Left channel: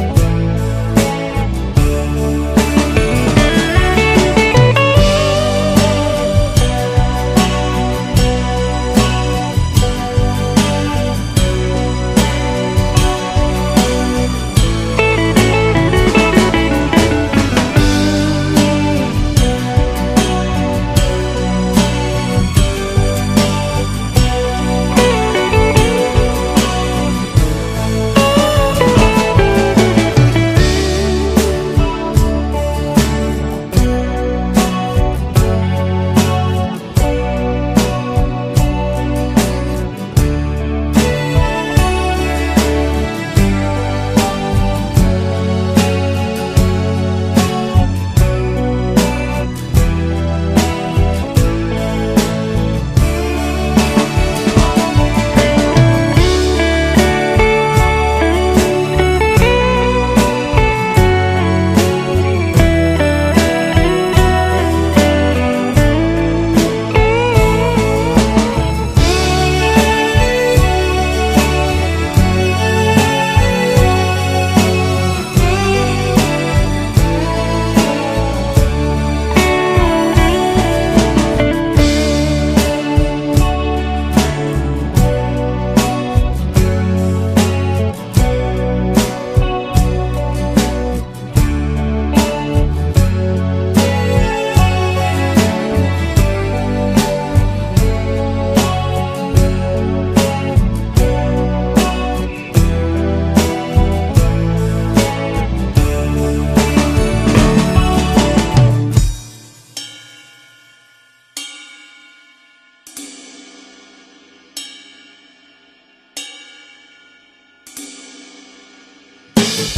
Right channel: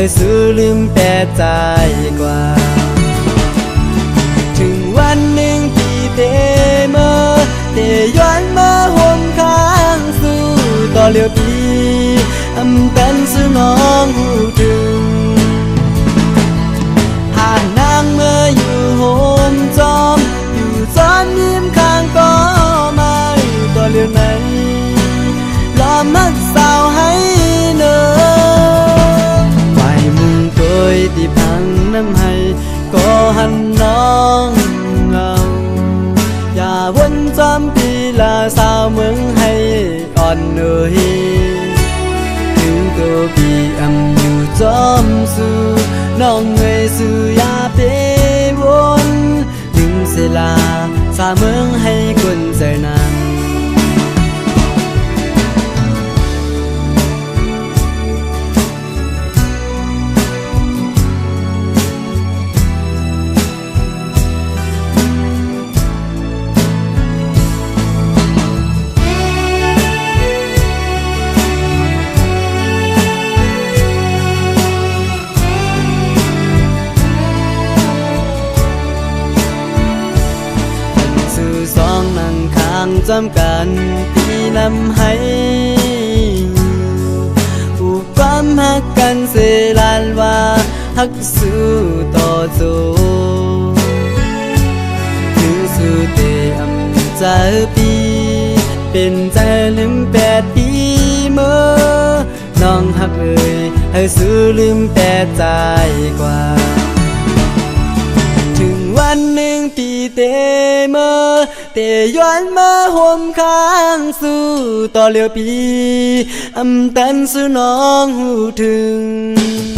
ให้ซื้อลืมแต่ใจกว่าถึงวันหนึ่งที่เธอมาเธอย้อนมาหนข้างสู่ต่อเลี้ยวปีอำเป็นสู่น้องผู้ดึงอ่านนางเมื่ออยู่โฮมจอมอยู่จอนยิ้มข้างก็ไม่ต่อเลี้ยวไหนกันที่นำให้ผู้ความหักกันเสลานว่าหักสู้ต่อโจสู้เตอำใจปีเป็นใจลืม8 ปีเมื่อน้องหักเอ่ยให้สู้ลืมแต่ใจกว่าถึงวันหนึ่งที่เตเมื่อเตย้อนมาห่วมข้างสู่ต่อเลี้ยวปีอำตันสู่น้องหูถึง